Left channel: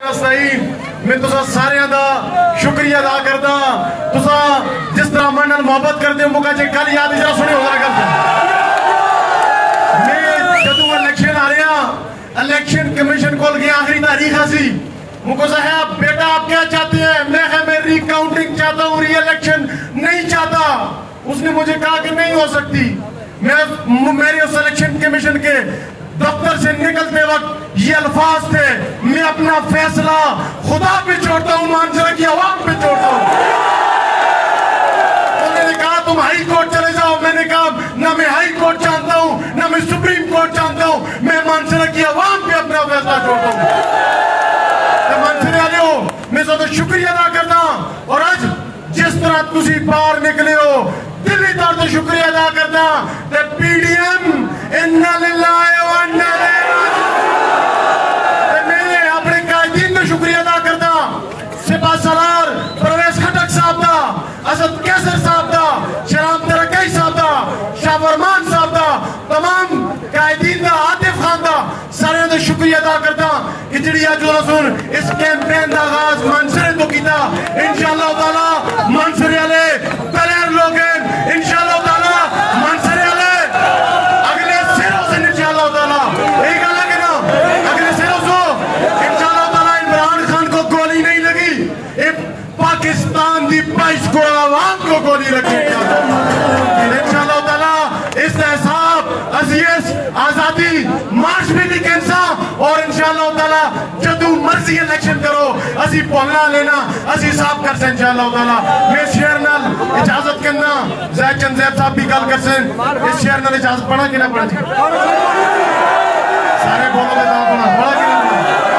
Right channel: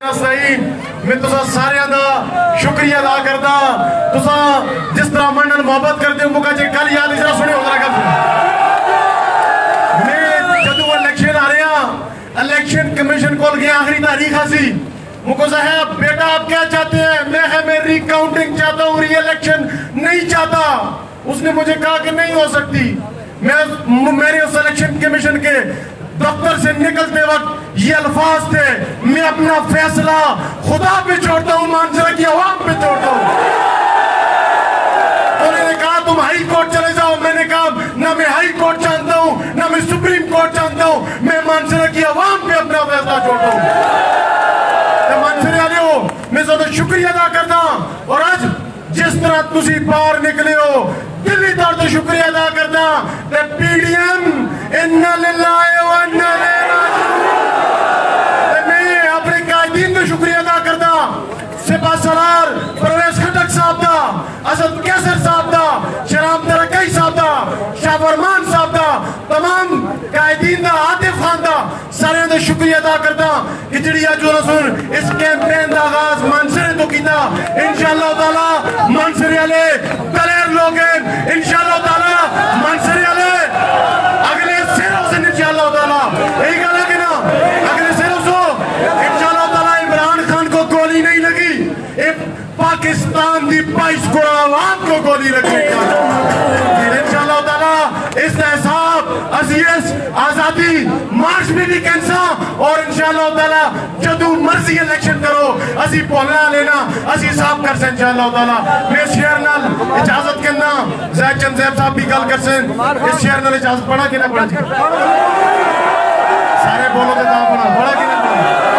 میں تسا سارے دا شکریہ ادا کردا تسا جس طرح منن محبت کرتے ہو مکا جے کل یاد اجرا سنے ہو جائے کرتے میں جدو الیکشن آ رہے ہیں الیکشن کمیشن کول گیا آخری تاریخ آسی مکو صاحب بیٹا آپ کیا چاہتے ہیں میں ری کاؤنٹنگ چاہتا ہوں ری الیکشن نہیں چاہتا اس نے مجھے کہا کہ نہیں ہو سکتی میرے اس الیکشن کمیشن کے دفتر سے نکلتے وقت یہ الفاظ تھے میں اپنا فیصلہ خدا پہ چھوڑتا ہوں مانسرا کی عوام پہ چھوڑتا ہوں میں نے کہا تم ہائی کورٹ چلے جاؤ میں نے کہا نہ میں ہائی کورٹ جانتا ہوں نہ میں سپریم کورٹ جانتا ہوں میں مانسرا کی عوام پہ اپنا فیصلہ چھوڑتا ہوں مانسرا لیو میں زیادہ شکریہ ادا کرنا اور آج جس طرح تسی باہر نکلے ہو دلی طور سے شکریہ ادا کرنا that PDM انہا للہ و انہا میں اپنے قائدین میں شکریہ ادا کرنا سپاہ سالار پرویز خٹک صاحب دا اسد کیسر صاحب دا شرام ترکی صاحب دا شاہ فرمان صاحب دا تمام قائدین دا عاطف خان دا سارے دا شکریہ ادا کرنا اجڑیا جو رسول اس کیمپین دا آغاز منصرے تو کیتا انشاءاللہ تعالی منصرے علی دلیر لوگیں انشاءاللہ تعالی منصرے علی اگلے سیروں سے انشاءاللہ تعالی ایک گالے کے نا اگلے سیروں سے انشاءاللہ تعالی عمران خان کو گولی نہیں لگی پاکستان دی پائش کو عوام کو گولی لگی انشاءاللہ تعالی اس احساب عزیز آزادی مارش بھی بھی کینسا اور انشاءاللہ تعالی جدو مرضی الیکشن کرو اسی پولا لینا اسی صاحب کر سے انشاءاللہ تعالی میں شیئر نال اجازت کرنا زید چند زیب صاحب بھی کال کر سے اس شیئر نال اجازت پڑھا کہ نہ پڑھا سارے بولو تو کام پڑھا کی نہ پڑھا